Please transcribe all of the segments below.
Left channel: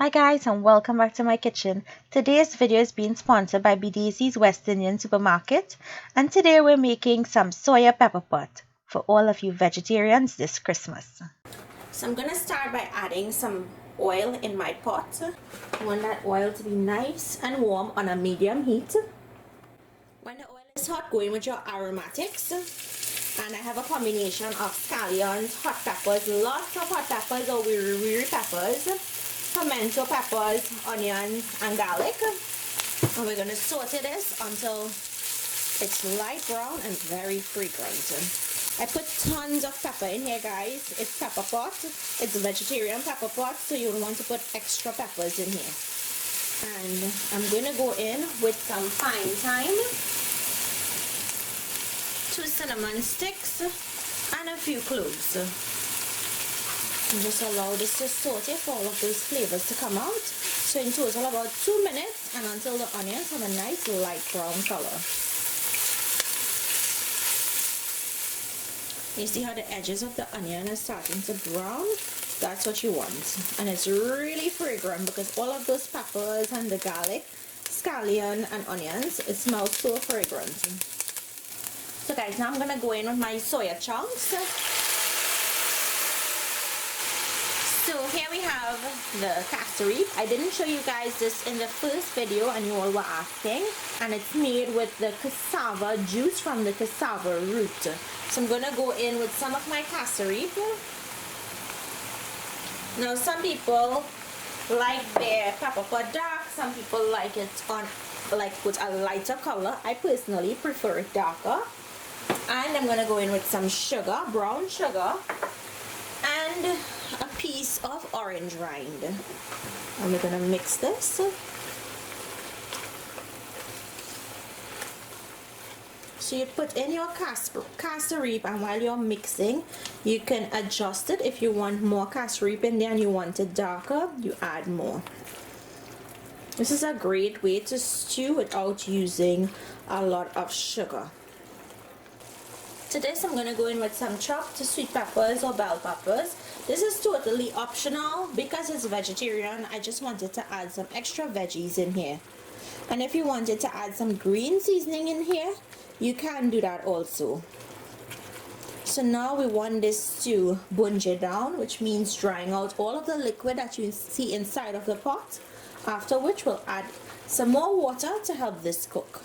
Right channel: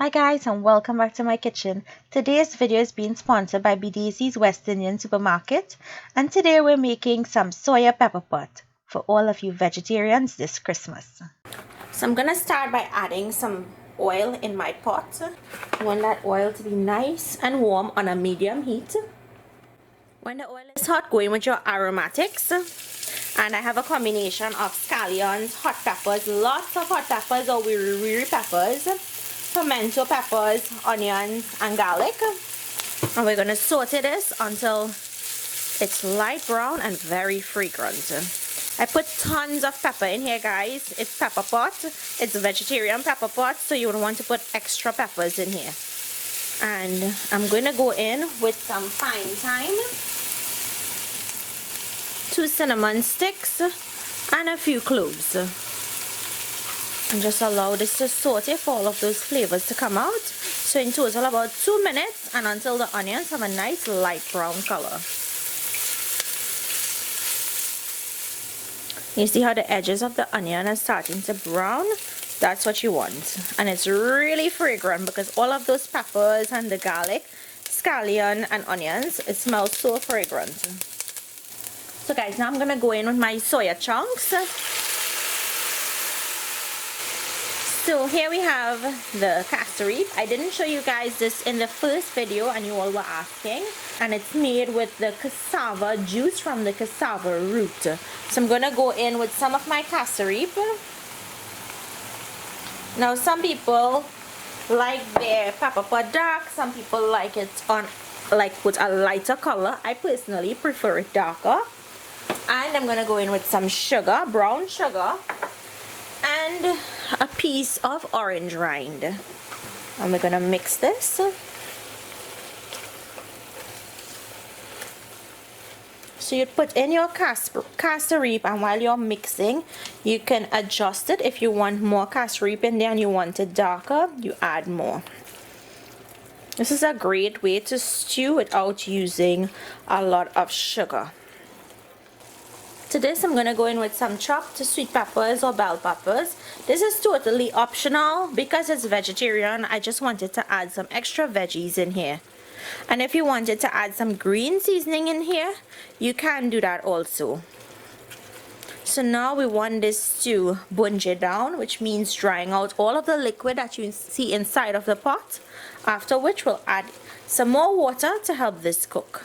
Hi guys and welcome back to my kitchen. Today's video is being sponsored by BDC's West Indian Supermarket, and today we're making some soya pepper pot for all of you vegetarians this Christmas. So I'm gonna start by adding some oil in my pot. I want that oil to be nice and warm on a medium heat. When the oil is hot, go in with your aromatics. And I have a combination of scallions, hot peppers, lots of hot peppers or wiri peppers, pimento peppers, onions, and garlic. And we're going to saute this until it's light brown and very fragrant. I put tons of pepper in here, guys. It's pepper pot. It's a vegetarian pepper pot, so you would want to put extra peppers in here. And I'm going to go in with some fine thyme, 2 cinnamon sticks, and a few cloves. And just allow this to saute for all of those flavors to come out. So in total about 2 minutes, and until the onions have a nice light brown color. You see how the edges of the onion are starting to brown? That's what you want. And it's really fragrant because all of those peppers and the garlic, scallion and onions, it smells so fragrant. So guys, now I'm going to go in with my soya chunks. So here we have the castorite. I didn't show you guys this in the first video and you all were asking. And it's made with the cassava juice from the cassava root. So I'm going to go in with some of my castorite. Now some people like their pepper pot dark. Some people like it on with a lighter color. I personally prefer it darker. And I'm going to go in with some sugar, brown sugar, and a piece of orange rind. And we're going to mix this. So you put in your castorite, and while you're mixing, you can adjust it. If you want more castorite in there and you want it darker, you add more. This is a great way to stew without using a lot of sugar. To this, I'm going to go in with some chopped sweet peppers or bell peppers. This is totally optional because it's vegetarian. I just wanted to add some extra veggies in here. And if you wanted to add some green seasoning in here, you can do that also. So now we want this to bunge down, which means drying out all of the liquid that you see inside of the pot. After which we'll add some more water to help this cook.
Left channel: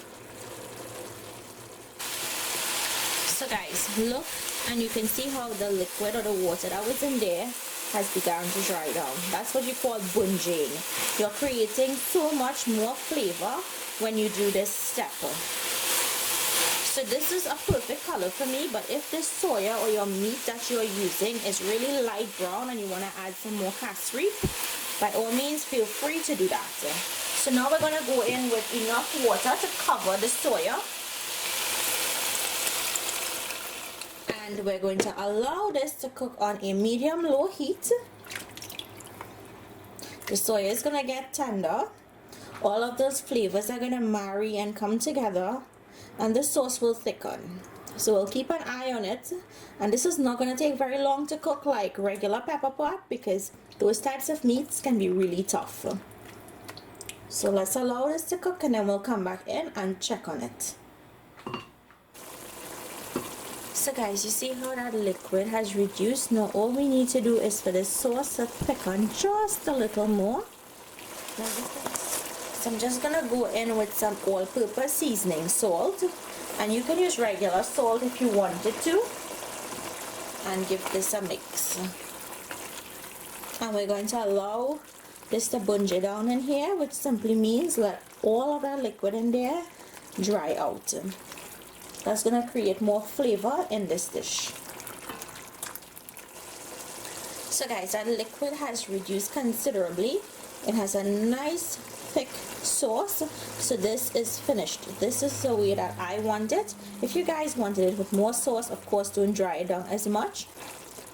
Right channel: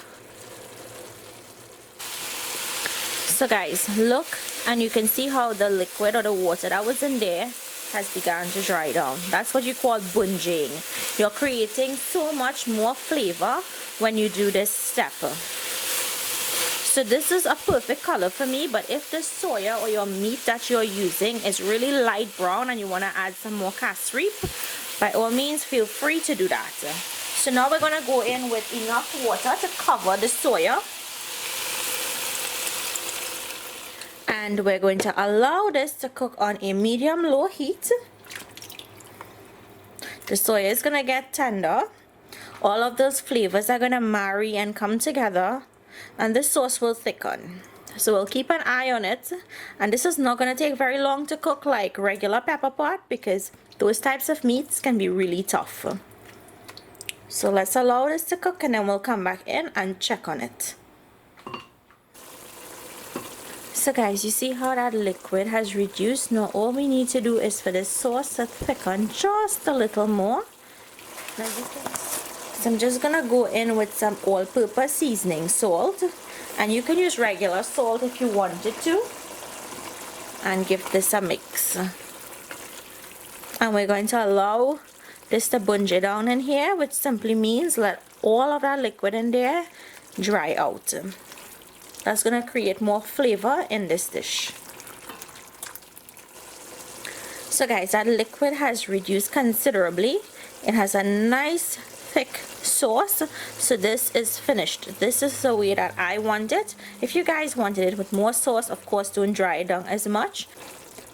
So guys, look, and you can see how the liquid or the water that was in there has begun to dry down. That's what you call bunging. You're creating so much more flavor when you do this step. So this is a perfect color for me, but if the soya or your meat that you're using is really light brown and you want to add some more castorite, by all means feel free to do that. So now we're going to go in with enough water to cover the soya. And we're going to allow this to cook on a medium-low heat. The soya is going to get tender. All of those flavors are going to marry and come together, and the sauce will thicken. So we'll keep an eye on it. And this is not going to take very long to cook like regular pepper pot because those types of meats can be really tough. So let's allow this to cook, and then we'll come back in and check on it. So guys, you see how that liquid has reduced? Now all we need to do is for this sauce to thicken just a little more. So I'm just gonna go in with some all-purpose seasoning salt, and you can use regular salt if you wanted to, and give this a mix. And we're going to allow this to bunge down in here, which simply means let all of that liquid in there dry out. That's going to create more flavor in this dish. So guys, that liquid has reduced considerably. It has a nice thick sauce. So this is finished. This is the way that I want it. If you guys wanted it with more sauce, of course don't dry it down as much.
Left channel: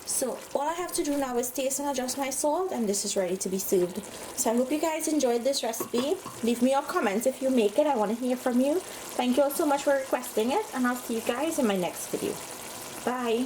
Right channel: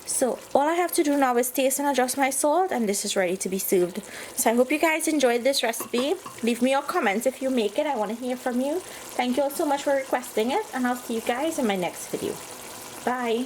So all I have to do now is taste and adjust my salt, and this is ready to be served. So I hope you guys enjoyed this recipe. Leave me your comments if you make it. I want to hear from you. Thank you all so much for requesting it, and I'll see you guys in my next video. Bye.